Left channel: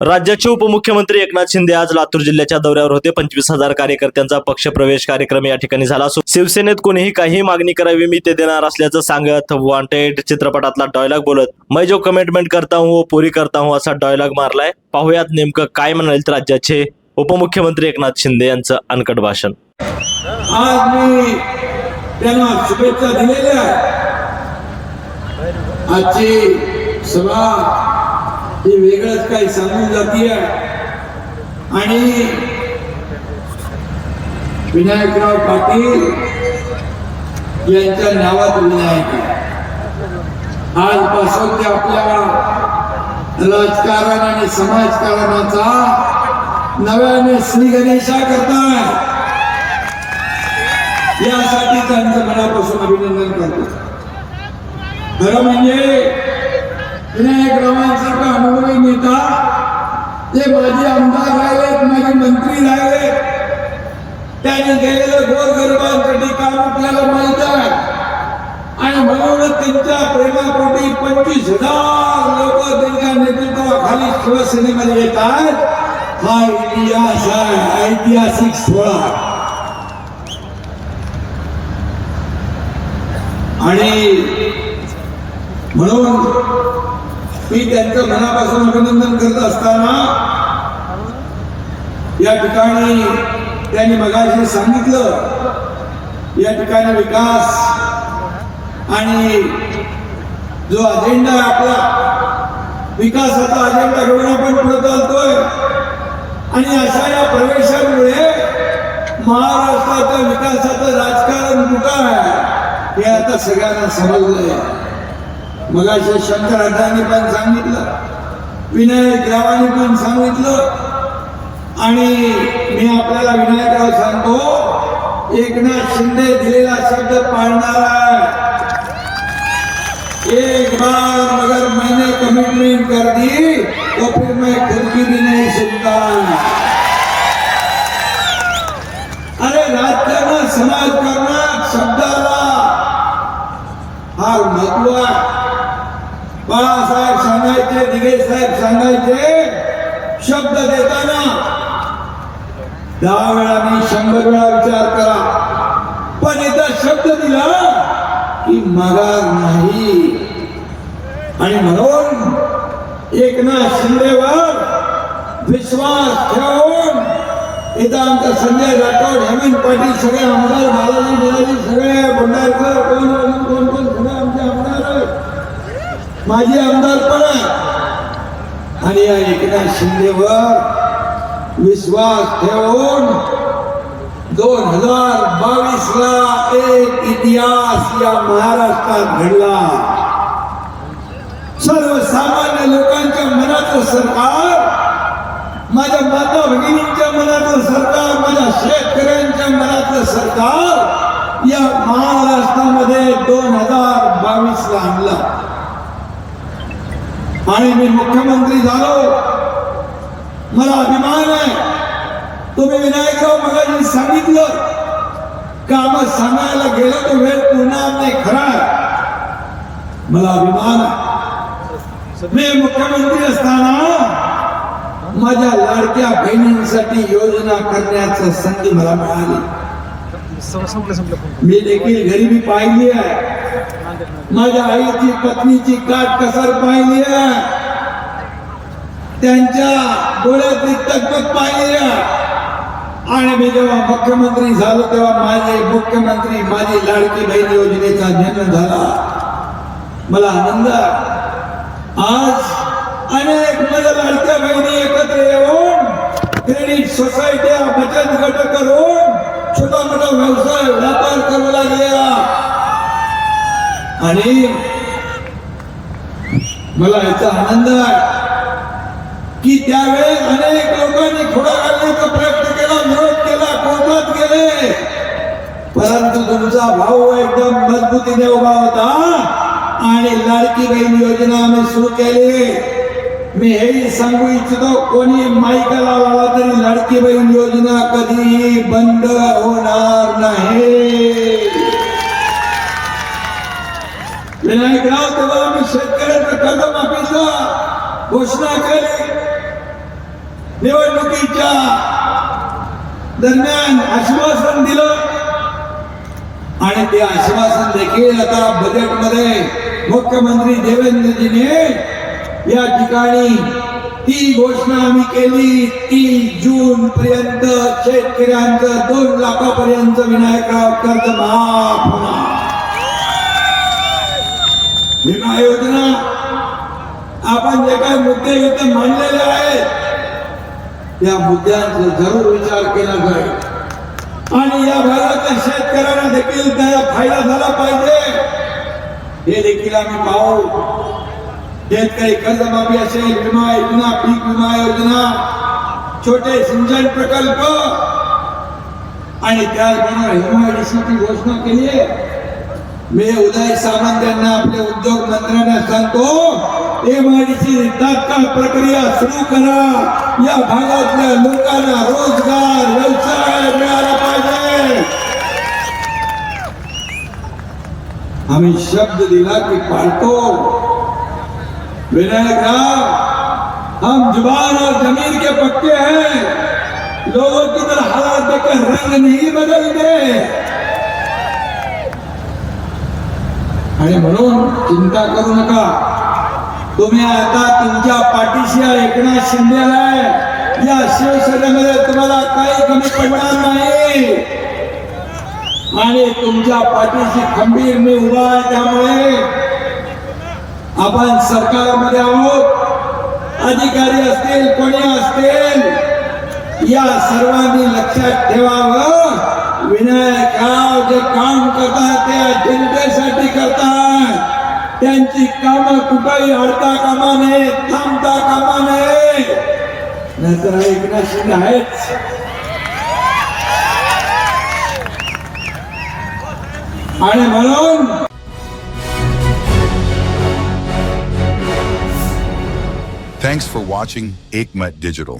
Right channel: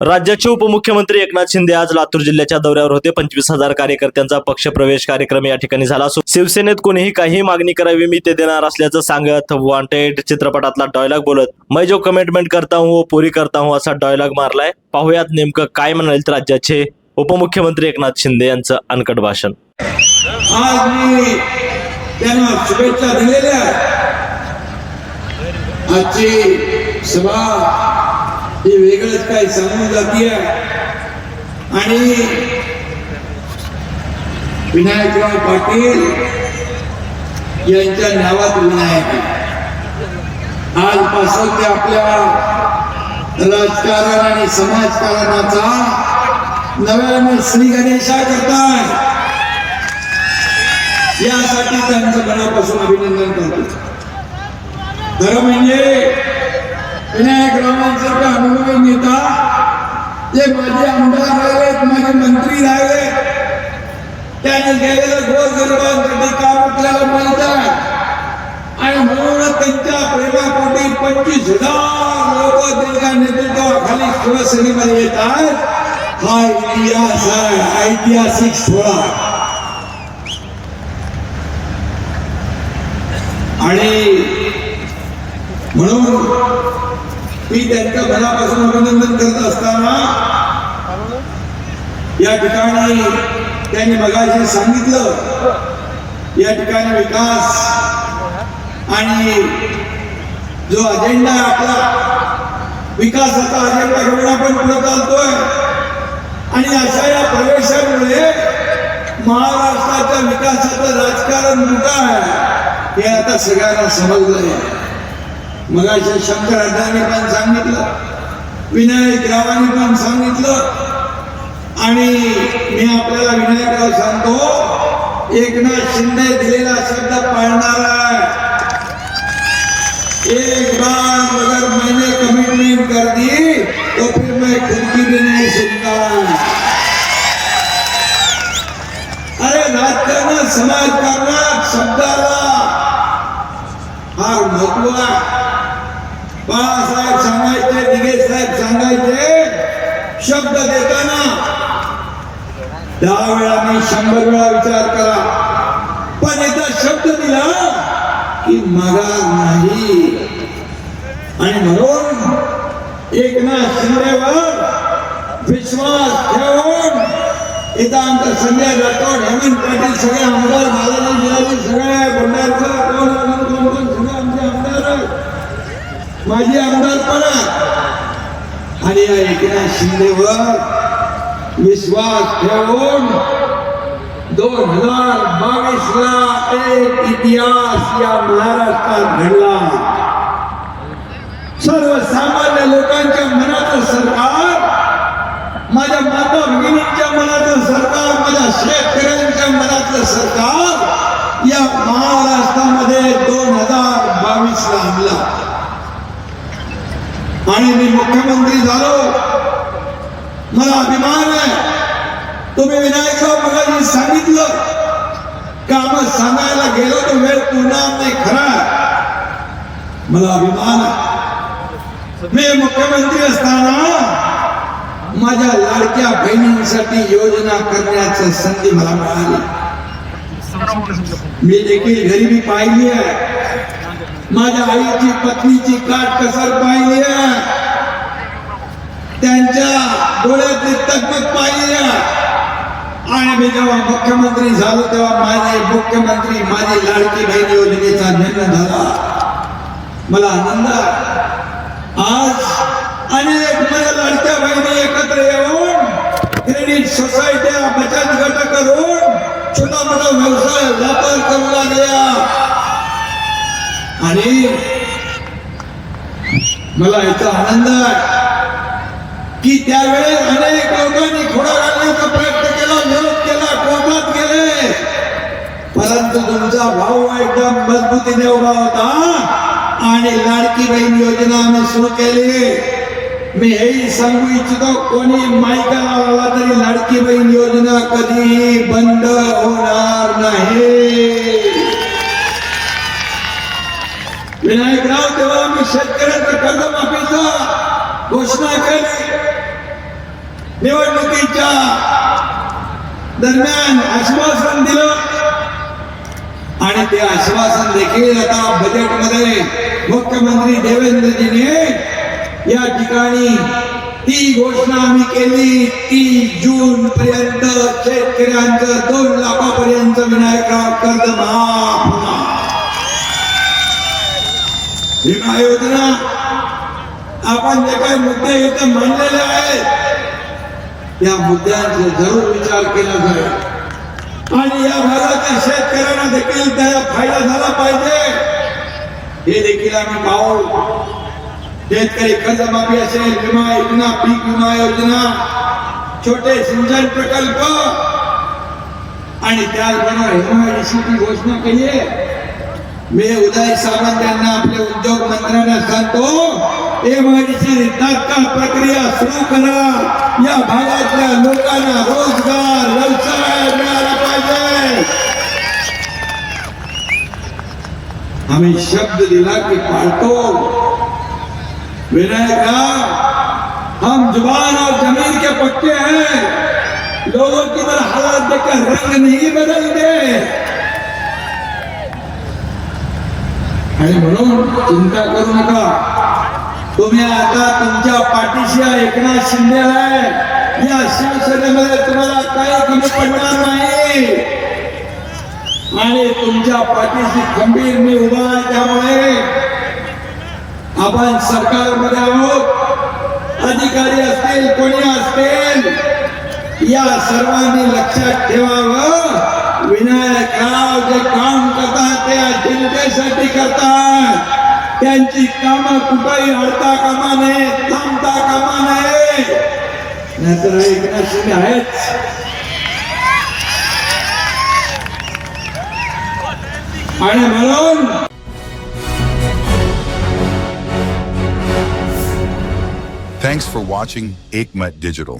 राज्याचे उपमुख्यमंत्री एकनाथ शिंदे आज लातूर जिल्ह्याच्या दौऱ्यावर होते. 25,000 कार्यकर्त्यांचा पक्षप्रवेश कार्यक्रम या ठिकाणी झाला असून शिवसेनेत कोणीही काही मागणी करावी मी ते देणार असल्याचं सांगत वॉन्टेड चित्रपटातला डायलॉग बोलत मैं जो कमिटमेंट करता हूं वो पूरी करता हूं असा डायलॉग मारलाय. पाहुयात नेमकं काय म्हणाले राज्याचे उपमुख्यमंत्री एकनाथ शिंदे यांचं अनकट भाषण. आज मी त्यांना शुभेच्छा दिलेल्या आजची सभा ही वेगळंच काही सांगून जातीये आणि विनायकराव पाटील यांच्या नावात विनायक आजपासून ते आपल्या राजकारण आणि समाजकारणाचा नव्याने श्री गणेशा करताय. यासाठी त्यांचं मनापासून अभिनंदन करतो. खरं म्हणजे विनायकरावांसारखा अनुभवी नेता ते माझे आमदार राहिलेत, माझे मंत्री राहिलेत, त्याने केलेलं गोरगरिबांसाठी काम आपल्याला माहित आहे आणि म्हणून त्यांच्या प्रेमापोटी 25,000 लोक त्यांच्या नेतृत्वाखाली शिवसेनेमध्ये येत आहेत. हा इतिहास आहे, ऐतिहासिक सोहळा. आणि म्हणून मी त्यांचं मनापासून अभिनंदन करत असताना या ठिकाणी त्यांनी मगाशी सांगितलं, या ठिकाणी विकास आणि जो अजेंडा आहे आपला विकासाचा अजेंडा घेऊन आपण पुढे चालतोय आणि अशा या प्रवेशामुळे महाराष्ट्राच्या विकासाचं राजकारण मोठं आहे हे आता सगळ्यांना समजलंय. मगाशी शंकर अड्डांनी पण सांगितलं, विनायकरावांनी पण सांगितलं आणि मी आपल्याला विनायकराव सांगतो, एकनाथ शिंदे दिलेला शब्द पाळणार आहे. एक बार अगर मैंने कमिटमेंट कर दी तो फिर मैं खुद की भी नहीं सुनता. अरे राजकारण समाजकारणात शब्दाला फार महत्व आहे. बाळासाहेब सांगायचे, दिघे साहेब सांगायचे, शब्द देताना 10 वेळा नाही 100 वेळा विचार करा, पण एकदा शब्द दिला की माघार नाही. आणि म्हणून एकनाथ शिंदेवर विश्वास ठेवून इथं आमचं संजय राठोड, हेमंत पाटील, सगळे आमदार, बालाजी सगळे भंडारकर, कोण सगळे आमचे आमदार, माझी आमदारपणा आणि या एकनाथ शिंदेवर विश्वास ठेवून 2022ला एक इतिहास या महाराष्ट्रात घडला. सर्वसामान्य लोकांच्या मनाचं सरकार, माझ्या माता भगिनींच्या मनाचं सरकार, माझ्या शेतकऱ्यांच्या मनाचं सरकार या महाराष्ट्रामध्ये 2022ला आणला. आणि मी मुख्यमंत्री झालो, मला अभिमान आहे. तुम्ही विनायकराव मगाशी सांगितलं, काम सांगायला गेलो तर वेळ पुरणार नाही. खरा मला अभिमान आहे. मी मुख्यमंत्री असताना माझ्या लाडक्या बहिणींसाठी योजना करण्याची संधी मला मिळाली. मी देखील गरिबी पाहिली आहे, माझ्या आईची पत्नीची काटकसर पाहिली आहे, त्यांच्या डोळ्यातली तकलीफ पाहिली आहे. आणि मी जेव्हा मुख्यमंत्री झालो तेव्हा माझे मुख्यमंत्री माझी लाडकी बहीण योजनेचा जन्म झाला. मला आनंद आहे. आज अनेक माझ्या लाडक्या बहिणी एकत्र येऊन क्रेडिट सोसायट्या, बचत गट करून छोटा मोठा व्यवसाय व्यापार करू लागल्या. आणि मला याचा आनंद आहे की त्यावेळेस अनेक लोकांनी खोडा घालण्याचा प्रयत्न केला, विरोध केला, कोर्टात गेले, परंतु तुमचा भाऊ एकदम मजबूतीने उभा होता आणि लाडकी बहीण योजना आम्ही सुरू केली. मी हेही सांगू इच्छितो, कोणी माईकाला लावला तरी लाडकी बहीण योजना कधीही बंद होणार नाही. विनायकराव तेव्हा आम्ही शेतकऱ्यांचं कर्जमाफीचा घोषणा केली, निवडणुकीच्या दरम्यान आश्वासन दिलं आणि ते आश्वासन देखील आता बजेटमध्ये मुख्यमंत्री देवेंद्रजीने या ठिकाणी ती घोषणा आम्ही केली 30 जून पर्यंत शेतकऱ्यांचं 2 लाखापर्यंत विनायकराव कर्ज माफ होणार. विमा योजना आपण जे काही मुद्दे इथे मांडलेले आहेत त्या मुद्द्यांचा जरूर विचार केला जाईल आणि या भागातील शेतकऱ्यांना देखील त्याचा फायदा झाला पाहिजे हे देखील आम्ही पाहू. शेतकरी कर्जमाफी असेल, विमा योजना, पीक विमा योजना, छोटे सिंचन प्रकल्प आणि त्याचबरोबर MIDCची घोषणा केली आहे. मी उदय सामंत यांना आपल्या उद्योग मंत्र्यांना सांगतो MIDC तात्काळ प्रक्रिया सुरू करा. या भागातल्या लोकांना रोजगार व्यवसाय मिळाला पाहिजे. आम्ही शब्द दिला की पाळतो. विनायक हम जुबान और जमीन के पक्के हैं. लोगों की तरह हालात देखकर रंग नहीं बदलते आणि म्हणून चिंता करू नका. तुम्ही आता तुमच्या पाठीशी एकनाथ शिंदे आहे. या शिवसेनेमध्ये तुम्हाला काही कमी पडणार नाही आणि तुमच्या पाठीशी खंबीर मी उभा आहे. त्यामुळे आपण सरकारमध्ये आहोत. अधिकारी असतील, कोणी असतील, या सर्वांनी लक्षात ठेवावं. विनायकराव जे काम करतात ते जनतेसाठी करतात. त्यांची कामं कुठेही अडता कामा नये, थांबता कामा नये. नाहीतर एकनाथ शिंदे आहेत. आणि म्हणून Thanks for watching Ekmat Digital.